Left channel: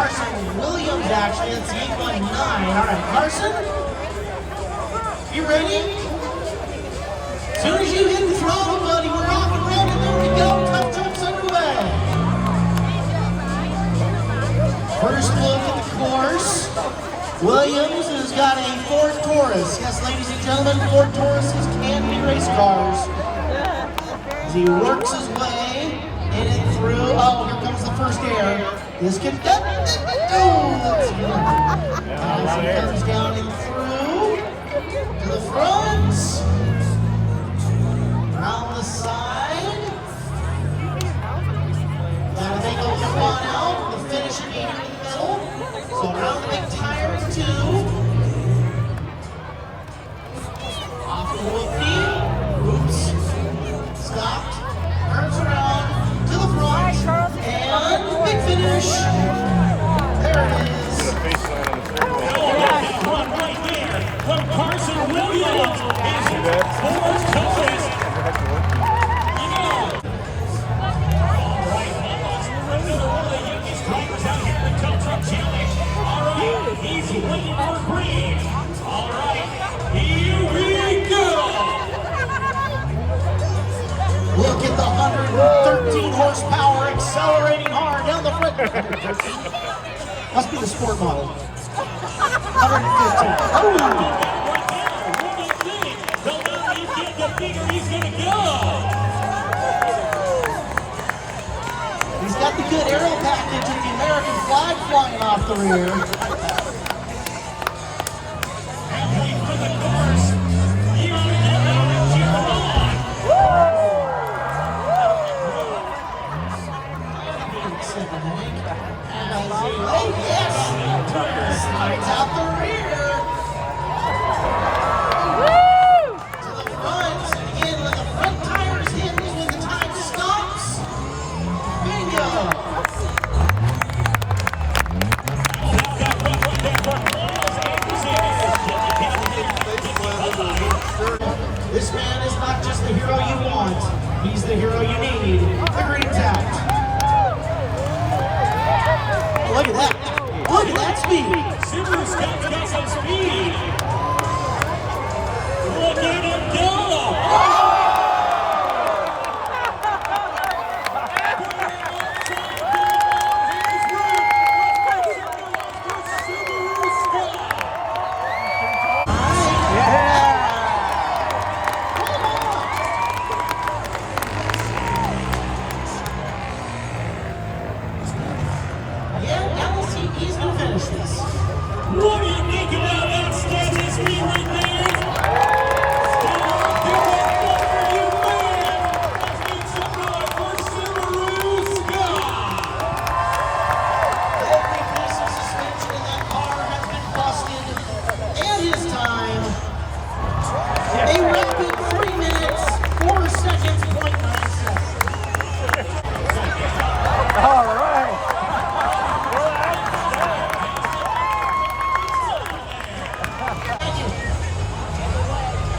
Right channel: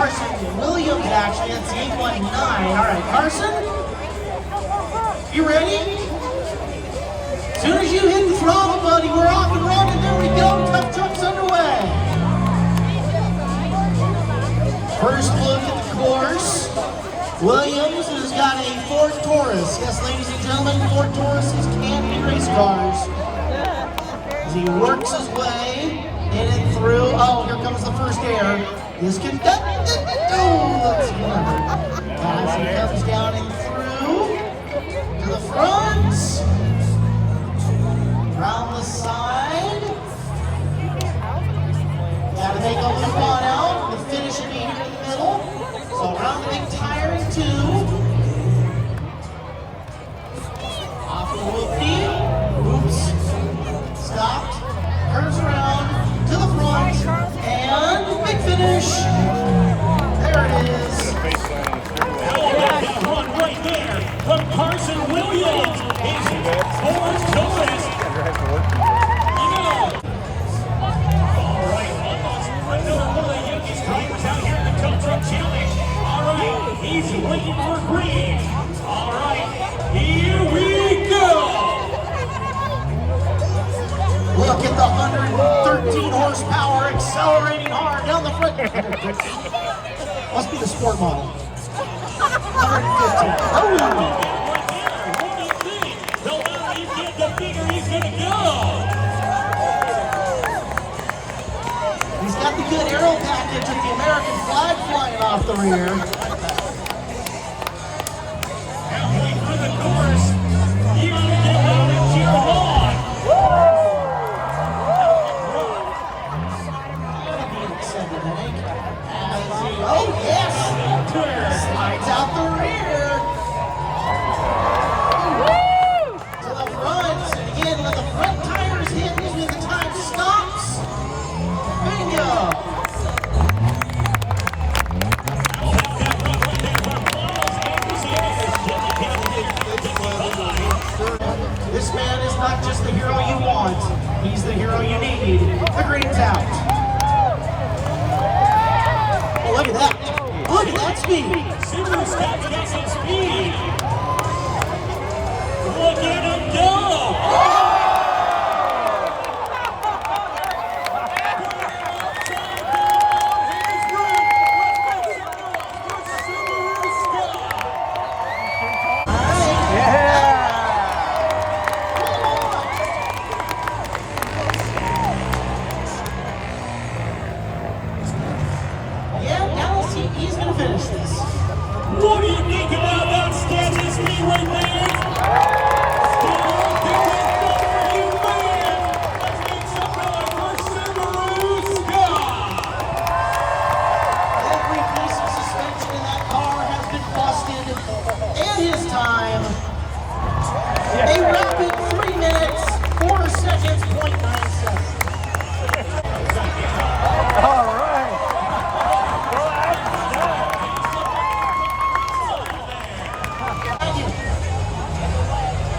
Carson Williams, actually. That's 819. All right, Carson, you ready? As soon as you hit the throttle, buddy, we're off and running. There we go. Tough Truck's underway. First look at the course. Williams has got a Ford Taurus. Yes, ladies and gentlemen, Ford Tauruses can be race cars. As he works his way in and through. Oh, here comes the first air. This can as he comes down and through to the front, around the side. Gotta take a loop on out. The finish should be here in the middle. So around the big tires too. Off the whoopie. Oops. Stopped. Curves around to the front. And big finish. There it is. That one right there from Carson Williams. Ford Taurus. All right, another one of the youngest drivers out here in the Tough Truck Challenge. All right, he's waiting for green. All right, here we go. Look at the 113 horsepower accelerating hard down the front. Must be the sport model. 115. Oh. What do you think? The louder you get, the bigger he's gonna go. He's got the good aero package with the American flag flying off the rear. Halfway through the course, you gotta get out and cheer him on. Oh yes! Slides out the rear. To the front. Again, let the front tires hit when the time stops. Bingo! This man is not just the hero you want, he's the hero you need. The green's out. Oh, look at that. Look at that speed. Subaru's got some speed. Look at him go. He's going to finish this. What do you think about that statue speed right there? Still out there, that's good for you, man. Let's make some noise for Subaru Scott. Every piece of suspension in that car has been busted. And his time. A rapid 3 minutes, 4 seconds, 0.97. All right.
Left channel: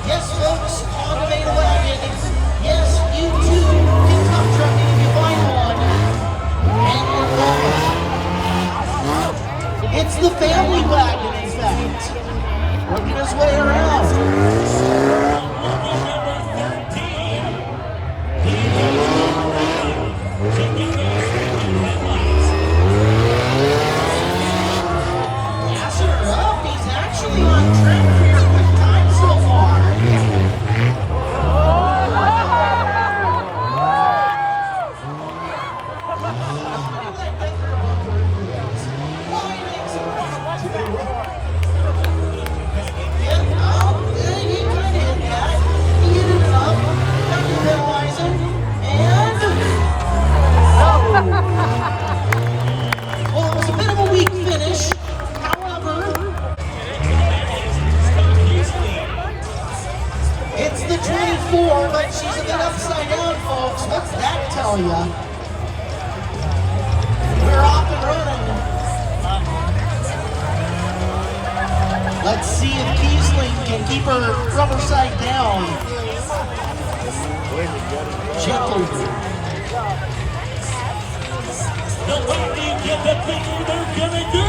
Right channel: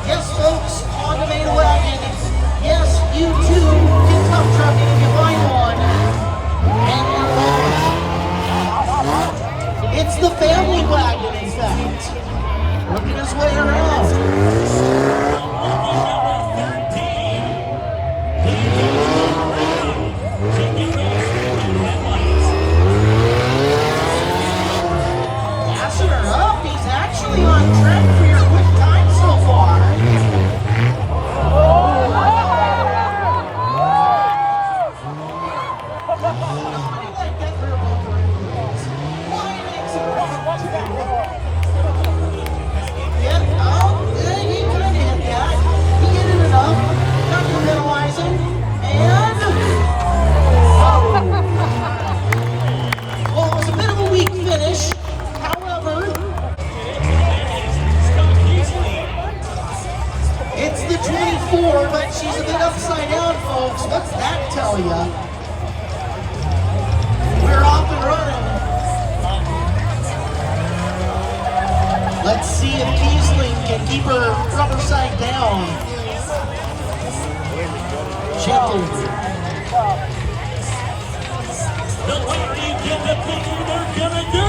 Yes, folks, on the main wagon. Yes, you too can tough trucking if you find one. And it's the family wagon, in fact. Working his way around. Passing her up, he's actually on track for your quick time so far. It's the 24, but she's a bit upside down, folks. What's that tell ya? We're off and running. Let's see if Kiesling can keep her rubber side down. Gently. The louder you get, get the picture, they're gonna go.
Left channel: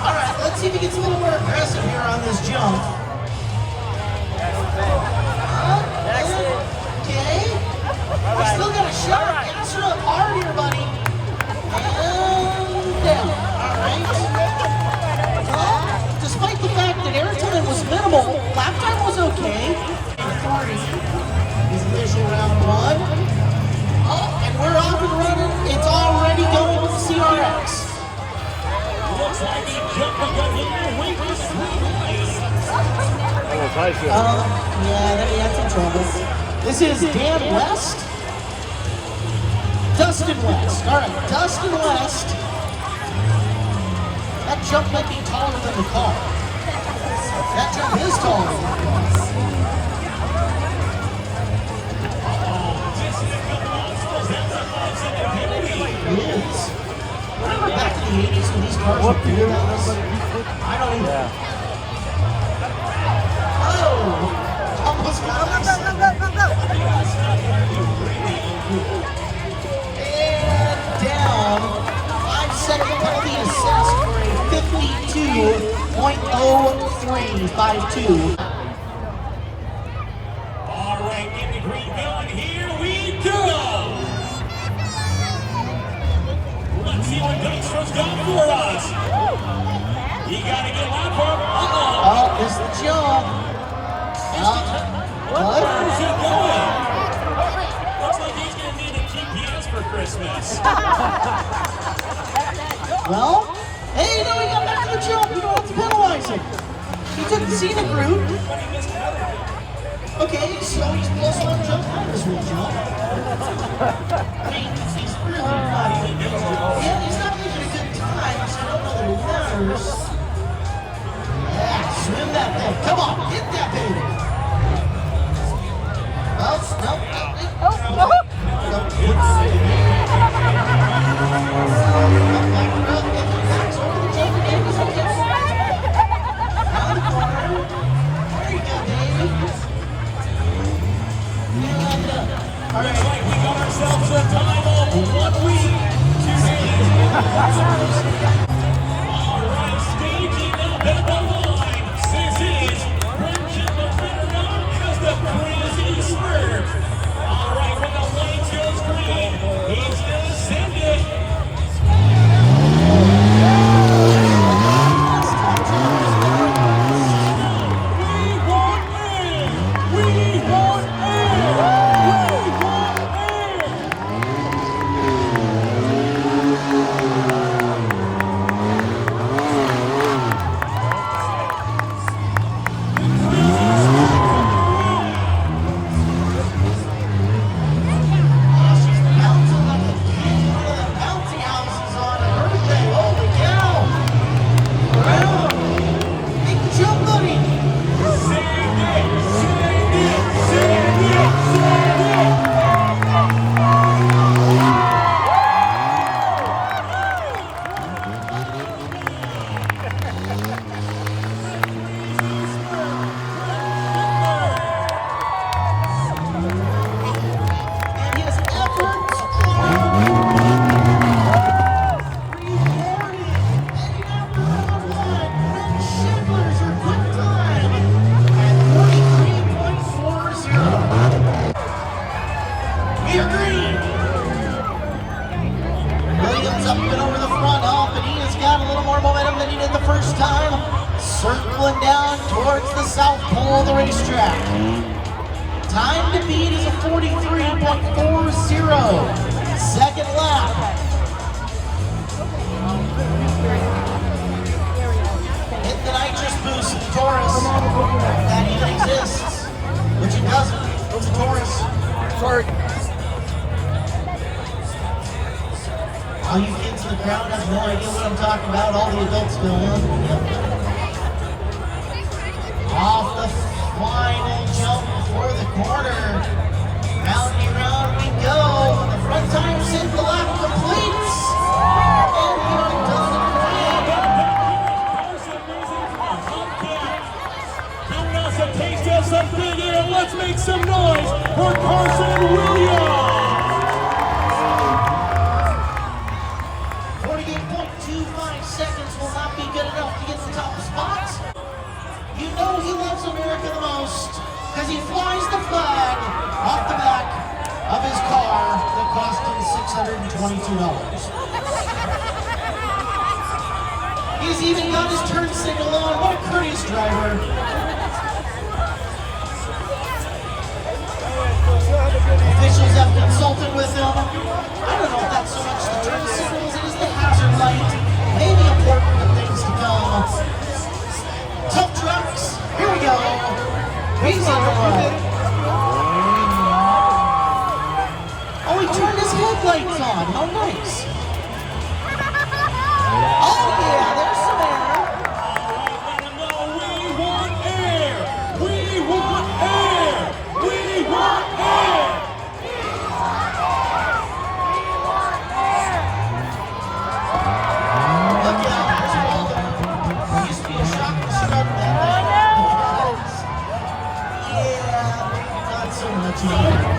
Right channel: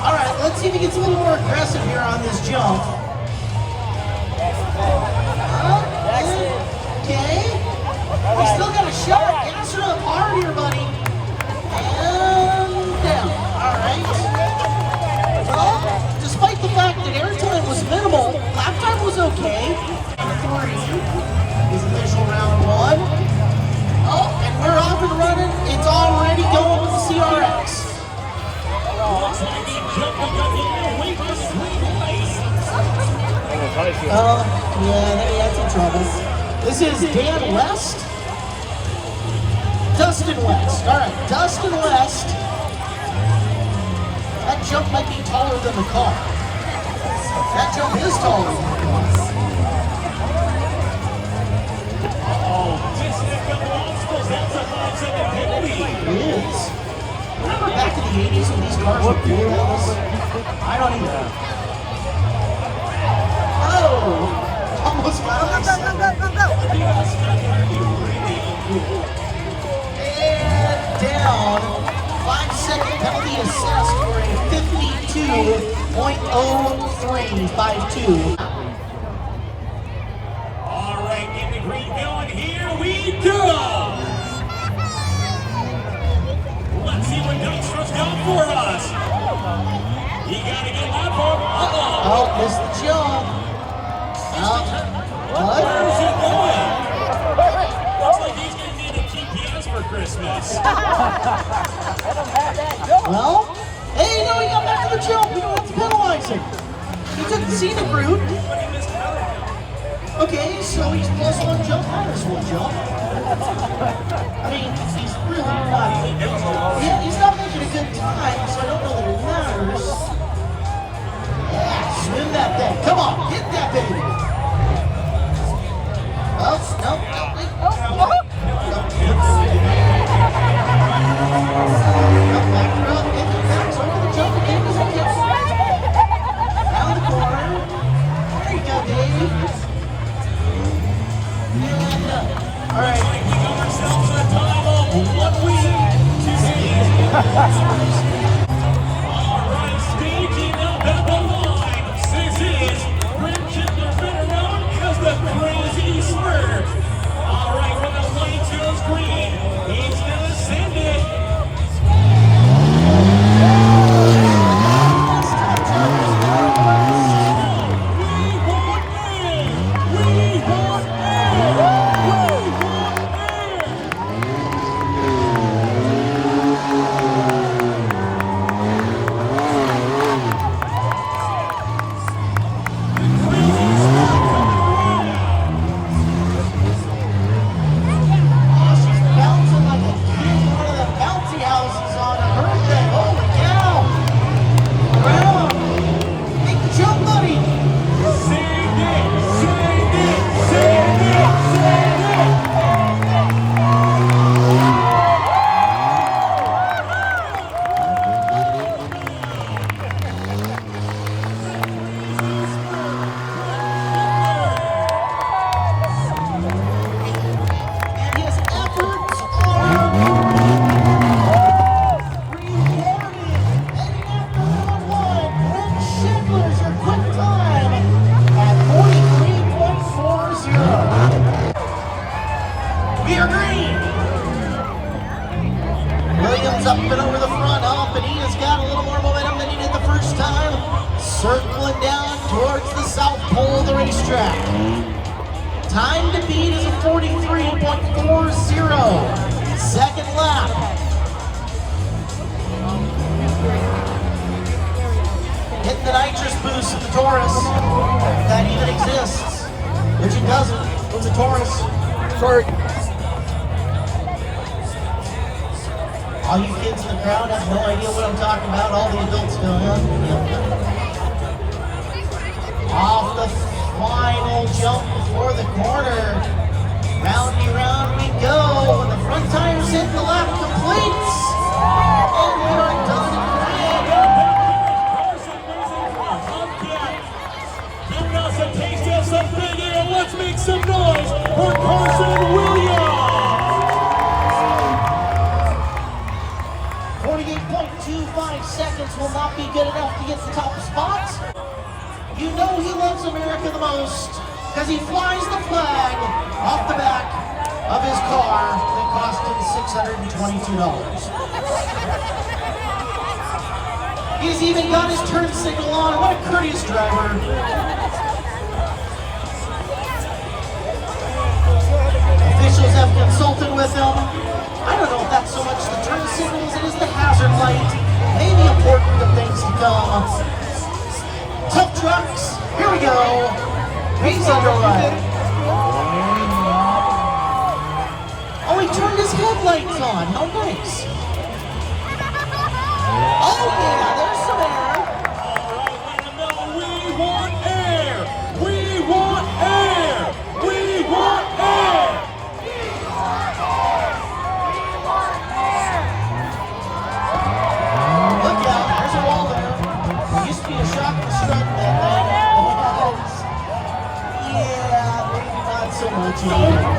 All right, let's see if he gets a little more aggressive here on this jump. Okay. We still got a shot. Gas her up hard here, buddy. And down. All right. Well, despite the fact that airtime was minimal, lap time was okay. 40 is official round one. Oh, and we're off and running. It's already going with the CRX. Looks like he jumped and got a little weight this Yeah, they had some troubles. This is Dan West. Dustin West. All right, Dustin West. That jump might be taller than the car. That jump is taller than the car. It is. Remember back in the 80s when these cars were cool house? I don't even. Oh! Almost got him. And down. 5-second penalty assessed for a 52.0352. All right, get the green going. Here we go. Let's see what Dykstra done for us. You gotta get that part. Oh, it's the jump. Where's he going? Looks like he's gonna need a GPS for Christmas. Well, hey, no, he got back to the jump. We don't have to penalize him. He took the scenic route. Okay, so he's plus one jump, minus one jump. I mean, he's really not. Yeah, he's not making a good time, so I don't know that it matters. Yeah, swim that thing. Come on, hit that baby. Oh, no. Over the jump again. Down the corner. There you go, Dave. All right. We got ourselves a time of 1 week, 2 days. All right, staging up at the line. This is Bridget, the better known as the Crazy Smurf. All right, when the light goes green, he's gonna send it. Up and over the front off, and he has got a little more momentum than he did the first time. Circling down towards the south pole of the racetrack. Time to beat is a 43.40. Second lap. Hit the nitrous boost of the Taurus. If that even exists, which it doesn't. It's a Taurus. Sorry. All you kids in the crowd have no idea what I'm talking about. All the adults do. Yep. Off the final jump before the corner. Roundy round we go. When the front tires hit the lap complete. Jason Williams. 48.25 seconds will not be good enough to get the top spot. You know he loves America the most because he flies the flag off the back of his car that cost him $622. He's even got his turn signal on. What a courteous driver. Officials have consulted with him. I don't know if that's so much the turn signal as it is the hazard light. Maybe important to things to come. Tough trucks. Here we go. He's underway. Oh, he turned his headlights on. How nice. Oh yeah, there's some air. We want air. We want air. We want air. Look out, there's a wall there. There used to be a shock and strut that yeah, not so much anymore.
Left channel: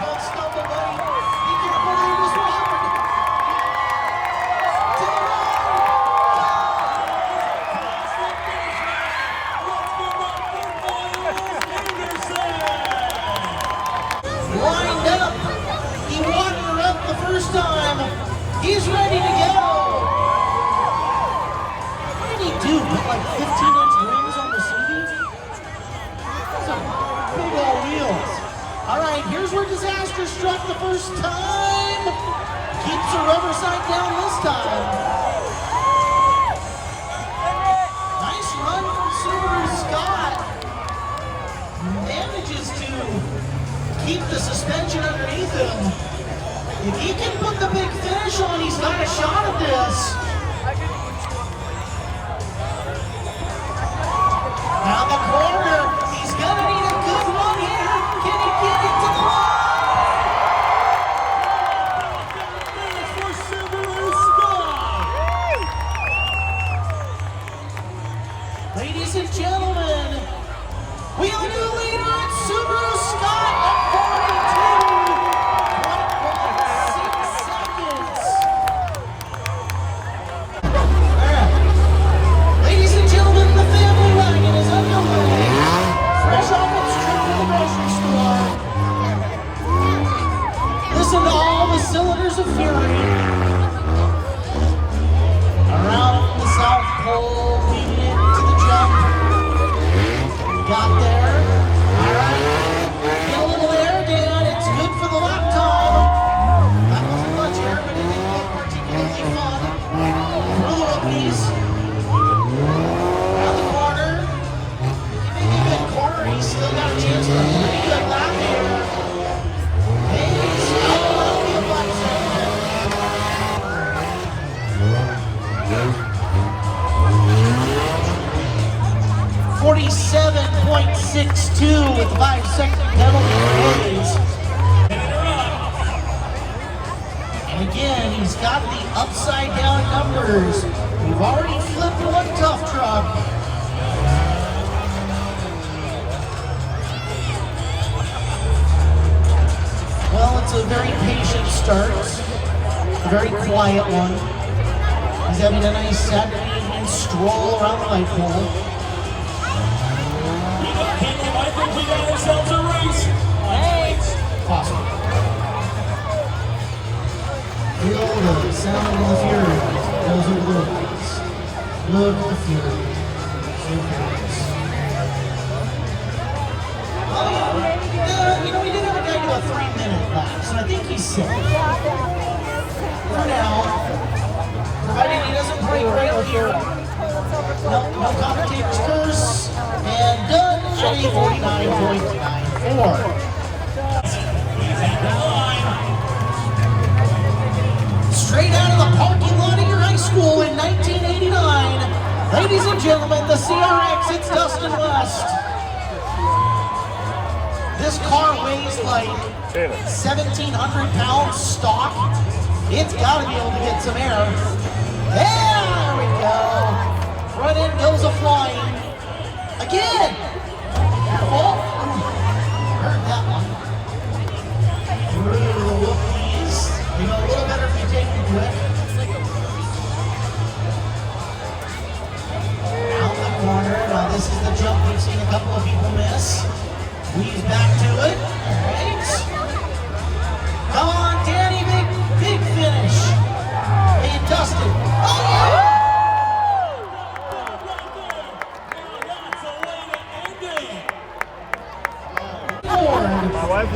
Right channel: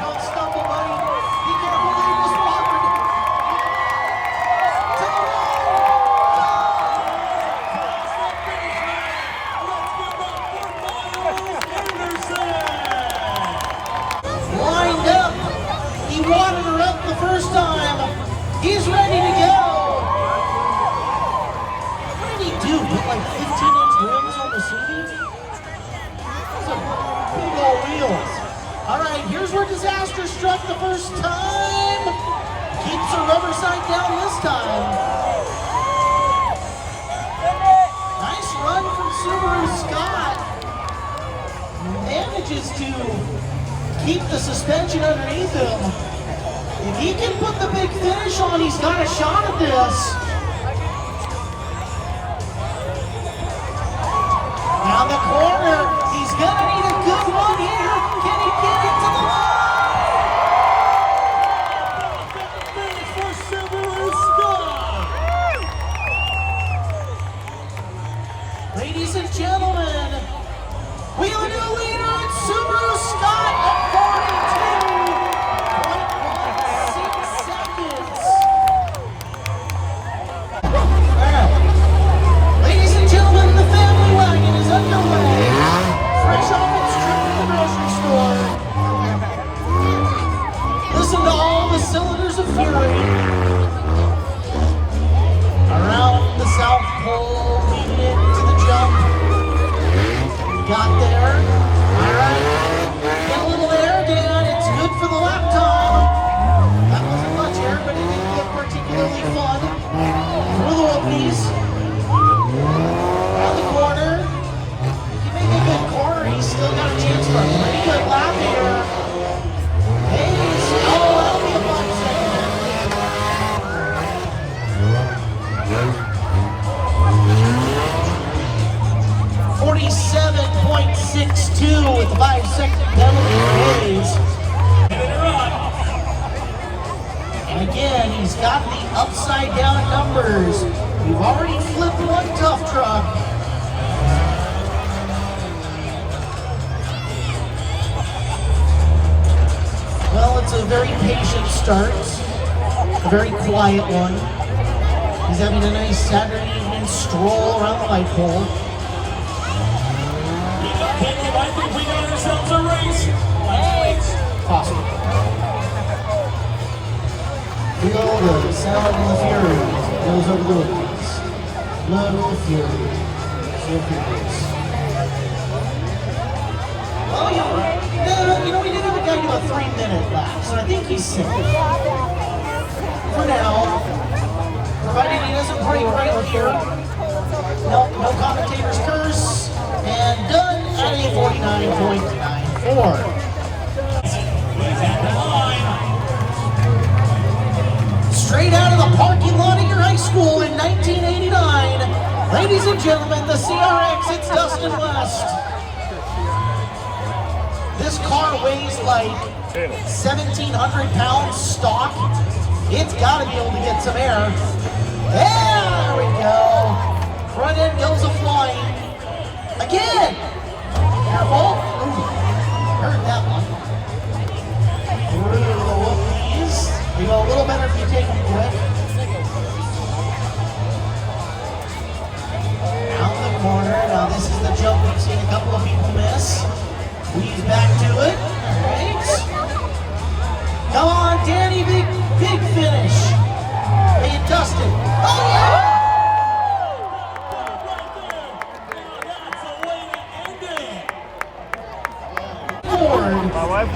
Don't stumble, buddy. Be careful, there was water. Lined up. He wadded her up the first time. He's ready to go. What did he do? Put like 15-inch rims on the CD? Some big old wheels. All right, here's where disaster struck the first time. Keeps the rubber side down this time. Nice run from Subaru Scott. Manages to keep the suspension underneath him. If he can put the big finish on, he's got a shot at this. Now the corner, he's gonna need a good run here. Can he get it to the For Subaru Scott. line? Ladies and gentlemen, we have a new leader. It's Subaru Scott at 42.16 seconds. All right. Ladies and gentlemen, the family wagon is underway. Fresh off its trip to the grocery store. Listen to all the cylinders of fury. Around the South Pole, leading into the jump. Got there. All right. Get a little air down. It's good for the lap time. That wasn't much air, but it didn't look particularly fun. Through the whoopies. Around the corner. He made a good corner. He's still got a chance for a pretty good lap here. Hey, that'll be a fun second. 47.62 with 5-second penalties. And again, he's got the upside down numbers. We've already flipped one Tuff truck. Well, it's a very patient start, a very quiet one. He's having a nice Saturday evening stroll around the light pole. I think we got ourselves a race. Possible. Feel the sound of the fury goes over the woods. Look at the fury. Look at this. Well, you know, we did have a guy do a 3-minute lap, so I think he's safe. For now, provided he doesn't break right here. No commentator's curse. And done at a 49.94. Straight out of the parking lot of your high school in 1989, ladies and gentlemen, the CRX, it's Dustin West. This car weighs like 1,700 pounds stock. It's got to be able to get some air. Yeah, there we go. Front end goes a flying. Again. Careful. Ooh, heard that one. Through the whoopies. You go a little better if you take it quick. Out the corner. Now this is the jump we've seen a couple of people miss. Weave back to it. All right. Come on, Danny. Big finish. Hey, Dustin. Oh, yeah!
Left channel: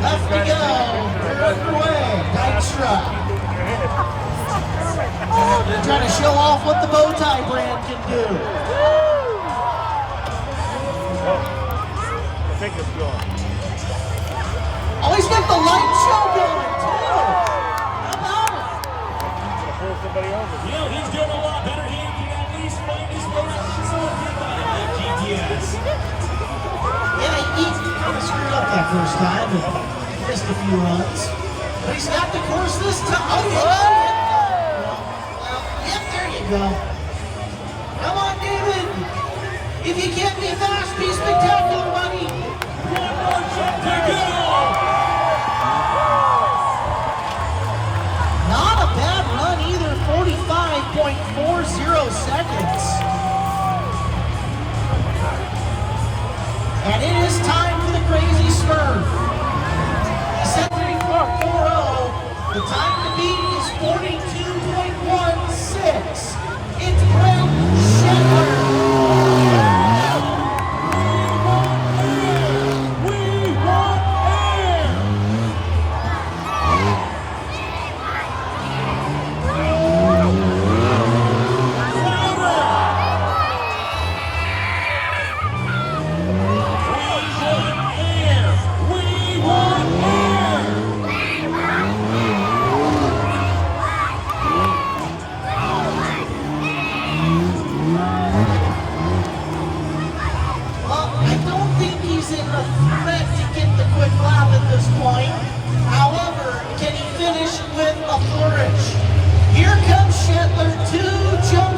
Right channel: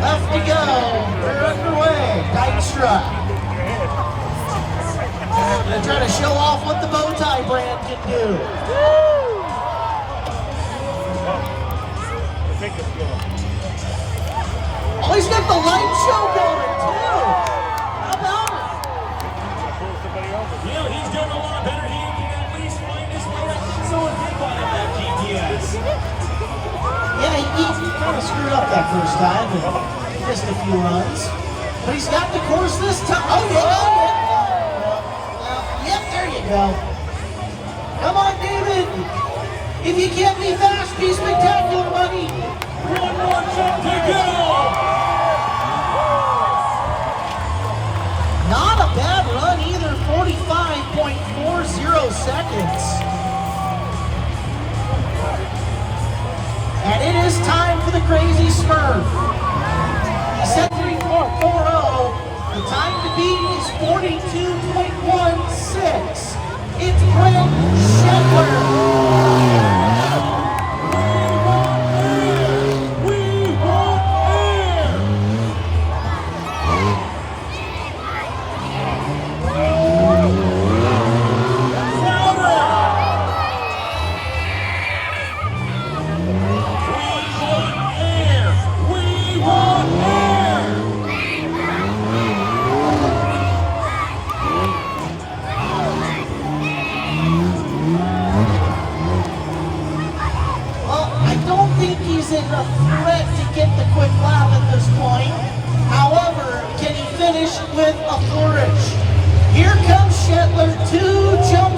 Left to go. They're underway. Dykstra. Gonna try to show off what the bow tie brand can do. Oh, he's got the light show going too. How about it? Yeah, he's doing a lot better. He can at least find his way up to someone big on that GTS. Yeah, he kind of screwed up that first time and missed a few runs. But he's got the course this time. Oh, yeah. Yep, there you go. Come on, David. If you can't be fast, be spectacular, buddy. One more jump to go. Not a bad run either, 45.40 seconds. And it is time for the crazy spur. He set 3.40. The time to beat is 42.16. It's Brent Shetler. With a flourish. Here comes Shetler, 2 jump